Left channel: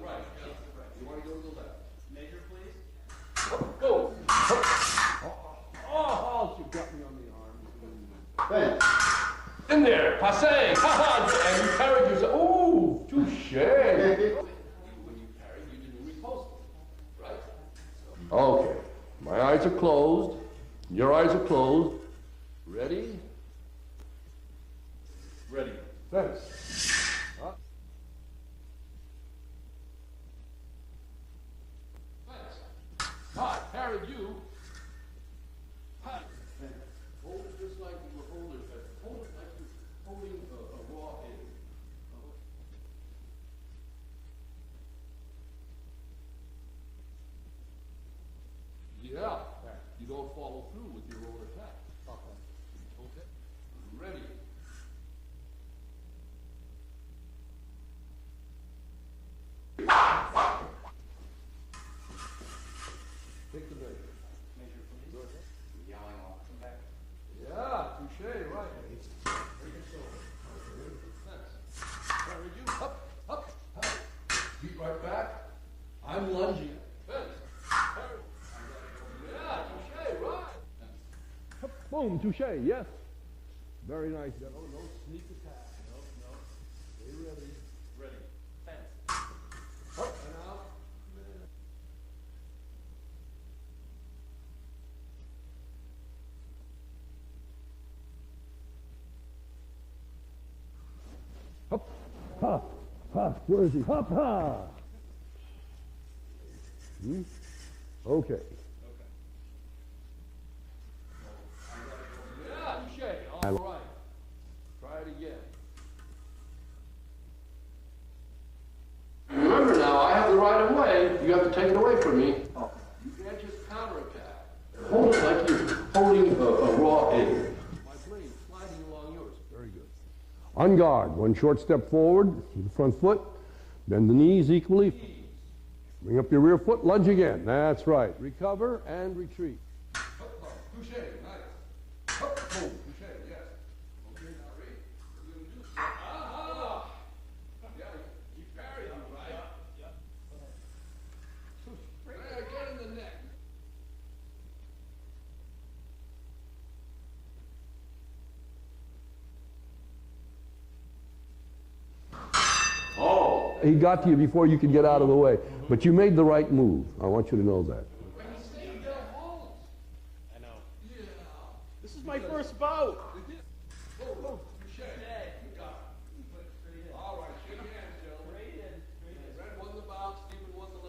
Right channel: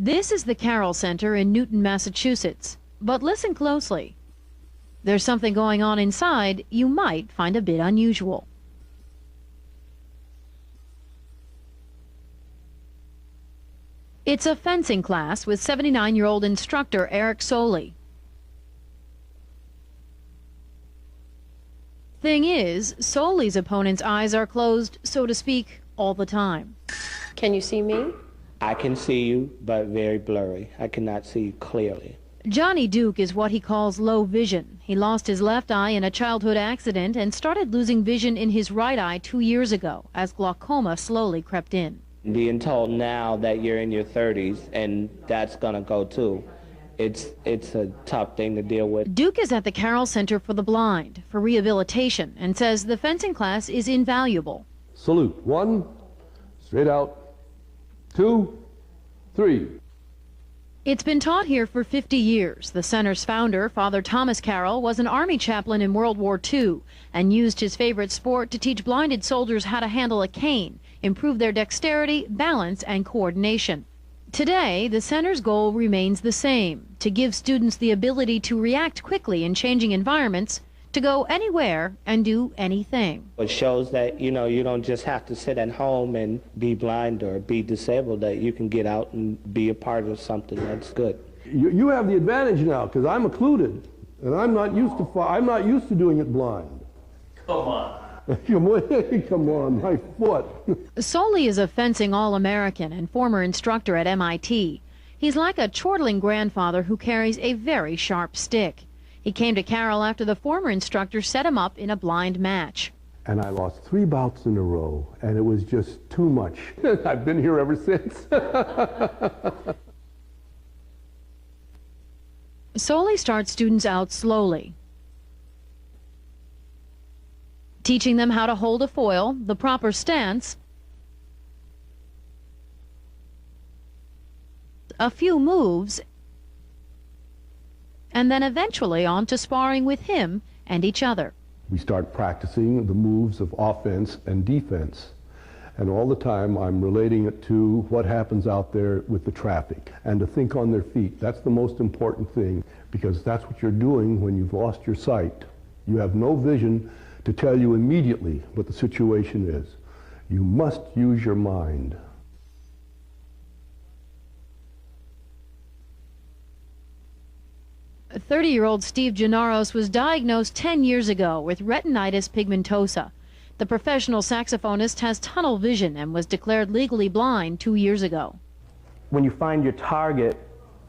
This is the Carroll Center in Newton, Massachusetts. But listen closely. There's something going on inside you might find a bit unusual. In there, passe, and you carried yourself. Ooh, touché. It's a fencing class with 79-year-old instructor Eric Sollee. Okay, my eyes are closed. Your eyes are closed. Thing is, Sollee's opponent's eyes are closed, so to speak, all the time. Can you see me? I can see you, but very blurry. I cannot see you clearly. Johnny Duke is what he calls low vision. He lost his left eye in a childhood accident and started losing vision in his right eye 2 years ago as glaucoma slowly crept in. Being told now that you're in your 30s and that's gonna go too, it's a tough thing to deal with. Duke is at the Carroll Center for the Blind for rehabilitation and says the fencing class is invaluable. Salute. 1, straight out. 2, 3. It's been taught here for 50 years. The center's founder, Father Thomas Carroll, was an Army chaplain in World War II and used his favorite sport to teach blinded soldiers how to handle a cane, improve their dexterity, balance, and coordination. Today, the center's goal remains the same, to give students the ability to react quickly in changing environments, to go anywhere and do anything. It shows that, you know, you don't just have to sit at home and be blind or be disabled, that you can get out and be a part of something that's good. You have the advantage now, because I'm occluded, and I'm not used to doing it blind. Come on. Come on, my foot. Sollee is a fencing All-American and former instructor at MIT. He's like a chortling grandfather who carries a very sharp stick. He came to Carroll after the former instructor set him up in a blind match. And I lost 3 bouts in a row, and it was just too much. I've been here ever since. Remember now, I have the right of way. You have to take it away from me. Sollee starts students out slowly, Hold it like you're holding a raw egg. teaching them how to hold a foil, the proper stance, On guard, 1 short step forward, with the front foot, bend the knees equally, a few moves, bring up your rear foot, lunge again. That's right. and then eventually on to sparring with him and each other. We start practicing the moves of offense and defense. And all the time I'm relating it to what happens out there with the traffic and to think on their feet. That's the most important thing, because that's what you're doing when you've lost your sight. You have no vision to tell you immediately what the situation is. You must use your mind. Oh. He got to you before you could get out of the way, but you made the right move. I want you to know that. 30-year-old Steve Gennaros was diagnosed 10 years ago with retinitis pigmentosa. The professional saxophonist has tunnel vision and was declared legally blind 2 years ago. When you find your target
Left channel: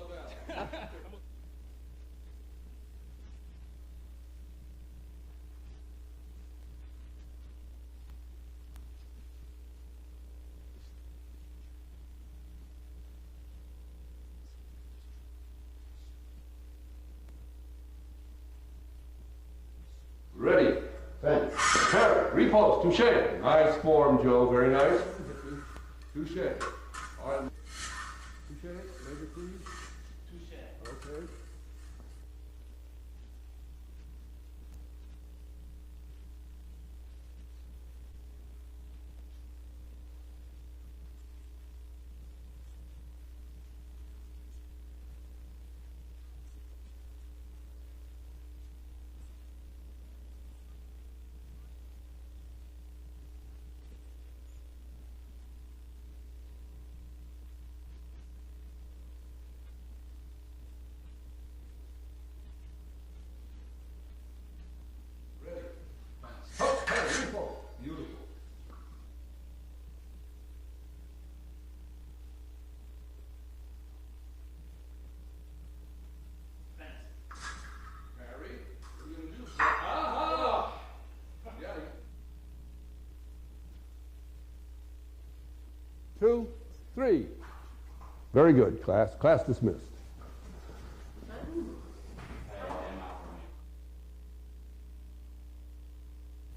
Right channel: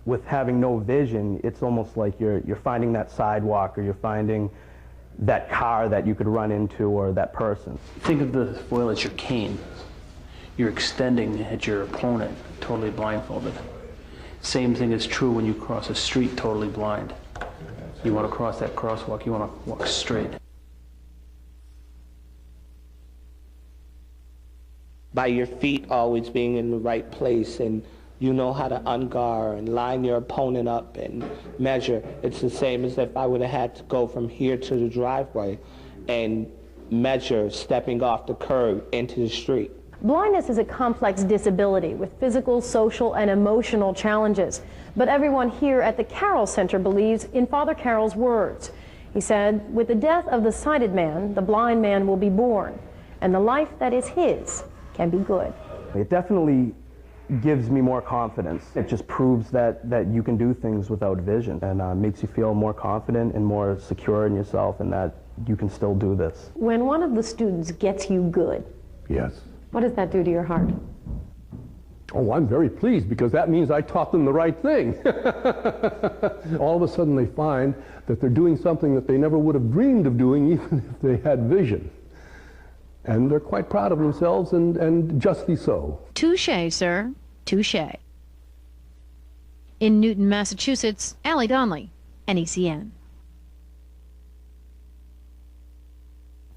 with having no vision, it's almost like you're finding that sidewalk, or you're finding that car that you could run into, or that person. Think of the foil as your cane. You're extending at your opponent, totally blindfolded. Same thing is true when you cross a street totally blind. You want to cross that crosswalk, you want to walk straight. Ready. Repose. Touché. Nice form, Joe. Very nice. By your feet always being in the right place, and you know how to unguard and line your opponent up and measure. It's the same as if I would have had to go from here to the driveway and measure stepping off the curb into the street. Blindness is a complex disability with physical, social, and emotional challenges. But everyone here at the Carroll Center believes in Father Carroll's words. He said, with the death of the sighted man, the blind man will be born, and the life that is his can be good. It definitely gives me more confidence. It just proves that you can do things without vision, and makes you feel more confident and more secure in yourself, and that you can still do this. When one of the students gets you good, Yes. what does that do to your heart? Oh, I'm very pleased, because that means I taught them the right thing. All of a sudden they find that they're doing something that they never would have dreamed of doing even if they had vision. And they're quite proud of themselves, and justly so. Touché, sir. Touché. Very good, class. Class dismissed. In Newton, Massachusetts, Allie Donnelly, NECN.